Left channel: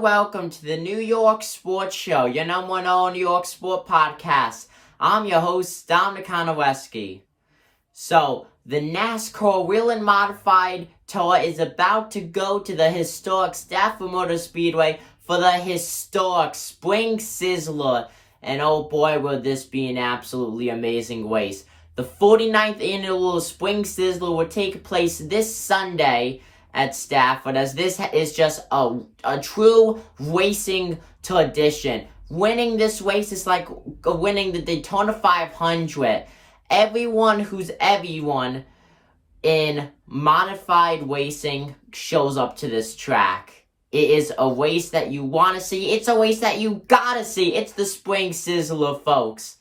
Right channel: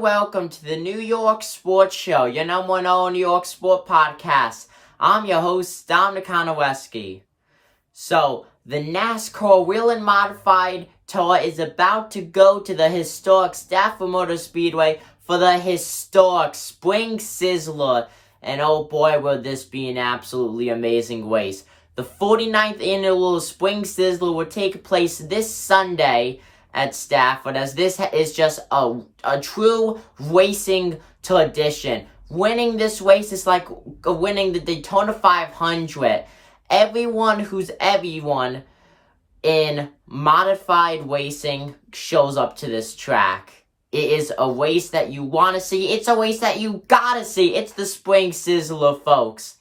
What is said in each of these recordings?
and welcome to the New York Sports Show, your number one New York sport podcast. I'm your host, Dominic Konowski. So, the NASCAR Wheel and Modified Tour is about to go to the historic Stafford Motor Speedway for the historic Spring Sizzler. And oh boy, will this be an absolutely amazing race. The 49th annual Spring Sizzler will take place this Sunday at Stafford, as this is just a true racing tradition. Winning this race is like winning the Daytona 500. Everyone in modified racing shows up to this track. It is a race that you want to see. It's a race that you gotta see. It's the Spring Sizzler, folks.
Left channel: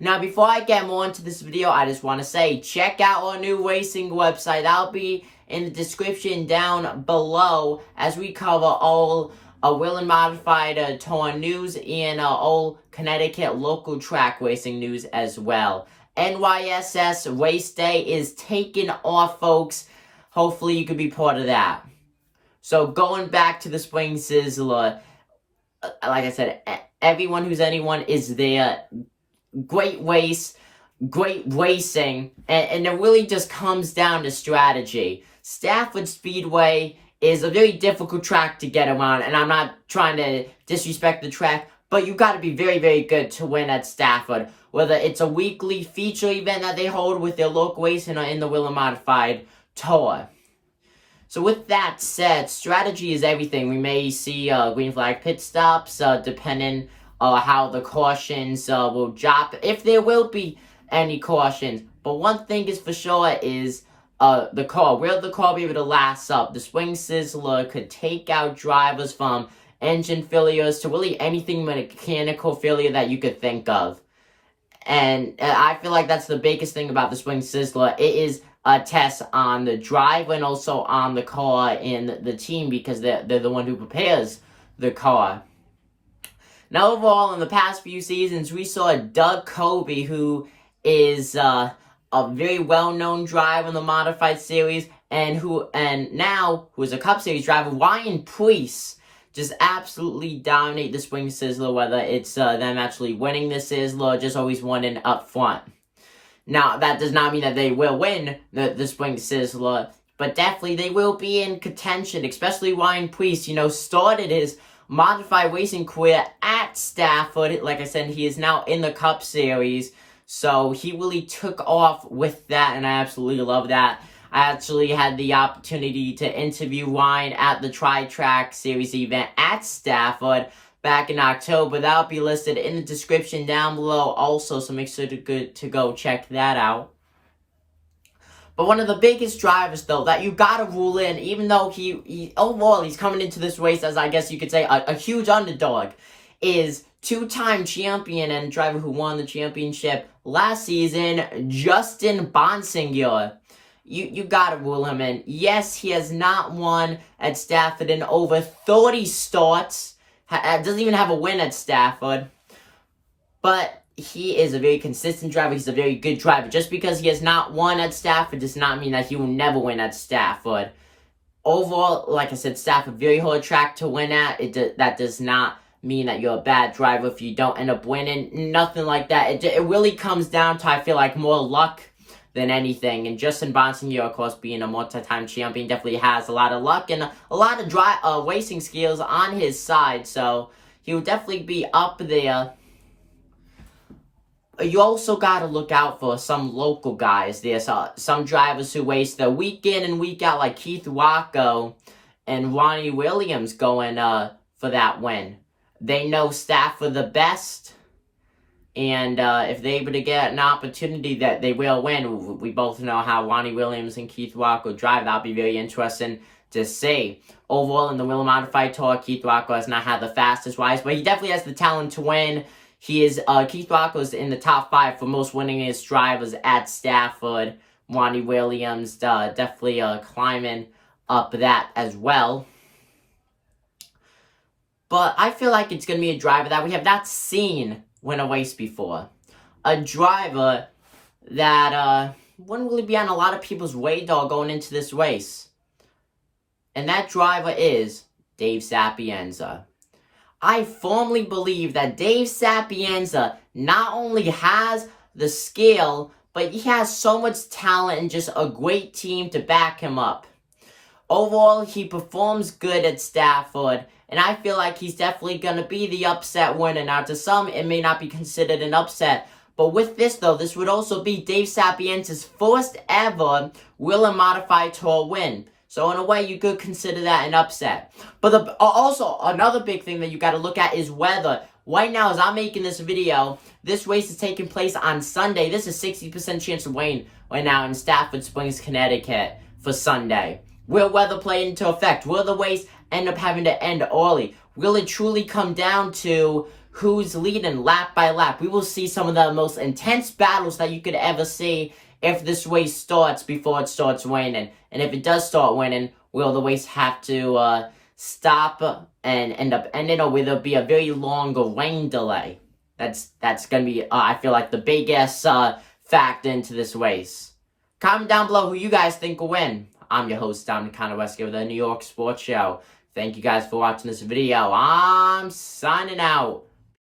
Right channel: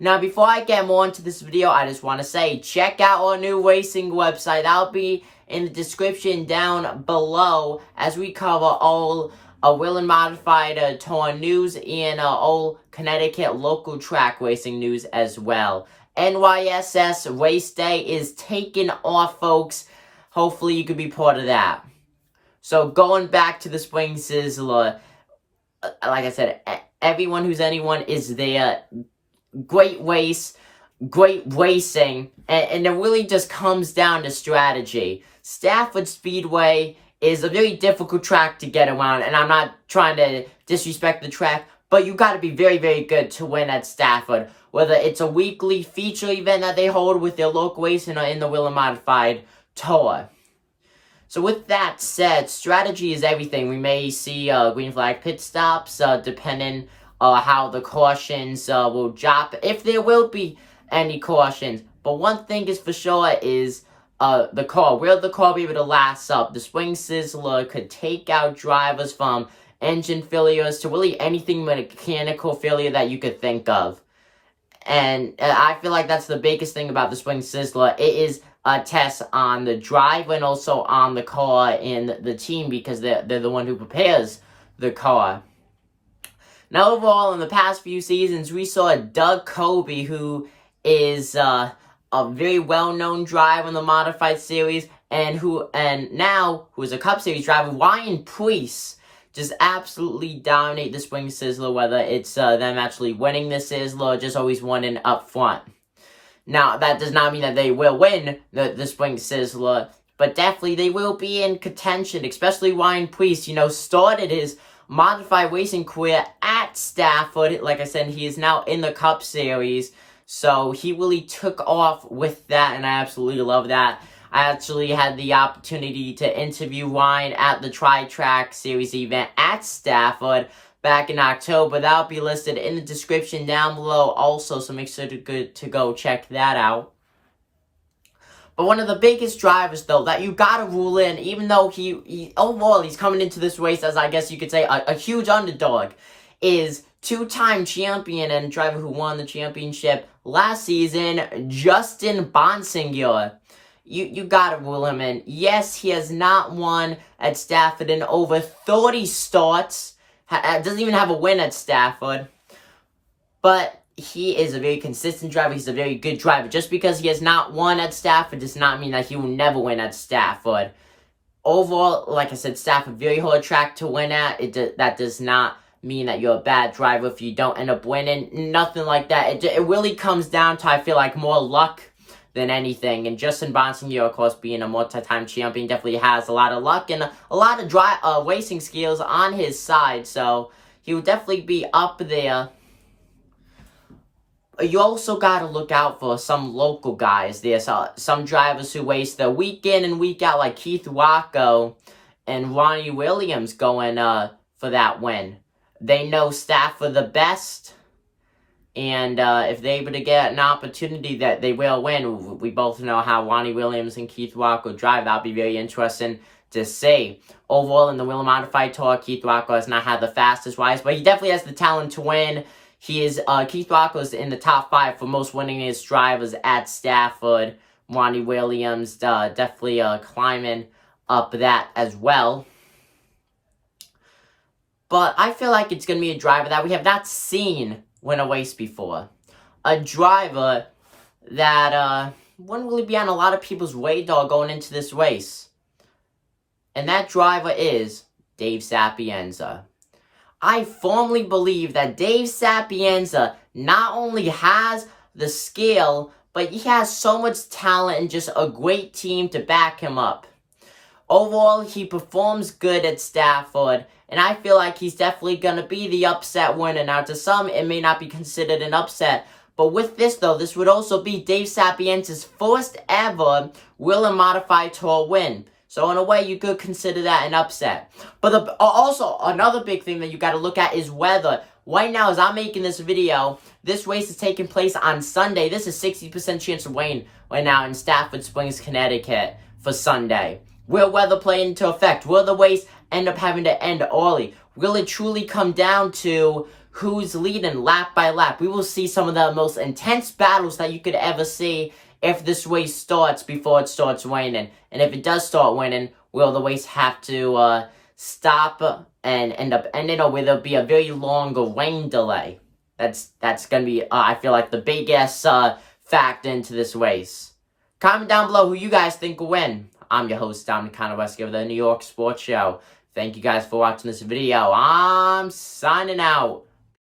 Now, before I get more into this video, I just want to say, check out our new racing website. I'll be in the description down below as we cover all Wheel and Modified Tour news and all Connecticut local track racing news as well. NYSS Race Day is taking off, folks. Hopefully you could be part of that. So going back to the Spring Sizzler, like I said, everyone who's anyone is there. Great race, great racing, and it really just comes down to strategy. Stafford Speedway is a very difficult track to get around, and I'm not trying to disrespect the track, but you got to be very, very good to win at Stafford. Whether it's a weekly feature event that they hold with their local racing or in the Wheel and Modified Tour. So with that said, strategy is everything. We may see green flag pit stops, depending how the cautions will drop, if there will be any cautions. But one thing is for sure is the car. Will the car be able to last up? The Spring Sizzler could take out drivers from engine failures to really anything mechanical failure that you could think of. And I feel like that's the biggest thing about the Spring Sizzler. It is a test on the driver and also on the car and the team, because they're the one who prepares the car. Now, overall, in the past few seasons, we saw Doug Kobe, who is a very well-known driver in the Modified Series, and now who is a Cup Series driver, Ryan Preece, just absolutely dominate the Spring Sizzler, whether it's them actually winning the Sizzler or just always winning up front. Now, that does not mean that they will win the Spring Sizzler, but definitely they will be in contention, especially Ryan Preece, started his modified racing career at Stafford. Like I said, he is now in the Cup Series, so he really took off with that, and I absolutely love that. I actually had the opportunity to interview Ryan at the Tri-Track Series event at Stafford back in October. That'll be listed in the description down below also, so make sure to go check that out. But one of the biggest drivers, though, that you gotta rule in, even though he overall he's coming into this race as, I guess you could say, a huge underdog, is two-time champion and driver who won the championship last season, Justin Bonsinger. You gotta rule him in. Yes, he has not won at Stafford in over 30 starts. Doesn't even have a win at Stafford. But he is a very consistent driver. He's a very good driver. Just because he has not won at Stafford does not mean that he will never win at Stafford. Overall, like I said, Stafford, very hard track to win at. That does not mean that you're a bad driver if you don't end up winning. Nothing like that. It really comes down to, I feel like, more luck than anything. And Justin Bonsinger, of course, being a multi-time champion, definitely has a lot of luck and a lot of racing skills on his side. So he will definitely be up there. You also got to look out for some local guys. There's some drivers who race the week in and week out, like Keith Rocco and Ronnie Williams going for that win. They know Stafford the best, and if they're able to get an opportunity that they will win, we both know how Ronnie Williams and Keith Rocco drive. That'll be very interesting to see. Overall, in the Wheel and Modified Tour, Keith Rocco has not had the fastest rise, but he definitely has the talent to win. Keith Rocco is in the top 5 for most winningest drivers at Stafford. Ronnie Williams definitely climbing up that as well. But I feel like it's going to be a driver that we have not seen win a race before. A driver that wouldn't really be on a lot of people's radar going into this race. And that driver is Dave Sapienza. I firmly believe that Dave Sapienza not only has the skill, but he has so much talent and just a great team to back him up. Overall, he performs good at Stafford, and I feel like he's definitely going to be the upset winner. Now, to some, it may not be considered an upset, but with this, though, this would also be Dave Sapienza's first ever Wheel and Modified Tour win. So, in a way, you could consider that an upset. But also, another big thing that you got to look at is weather. Right now, as I'm making this video, this race is taking place on Sunday. This is 60% chance of rain right now in Stafford Springs, Connecticut for Sunday. Will weather play into effect? Will the race end up having to end early? Will it truly come down to who's leading lap by lap? We will see some of the most intense battles that you could ever see if this race starts before it starts raining. And if it does start raining, will the race have to stop and end up ending, or will there be a very long rain delay? That's going to be, I feel like, the biggest factor into this race. Comment down below who you guys think will win. I'm your host, Dominic Conowski of the New York Sports Show. Thank you guys for watching this video. I'm signing out.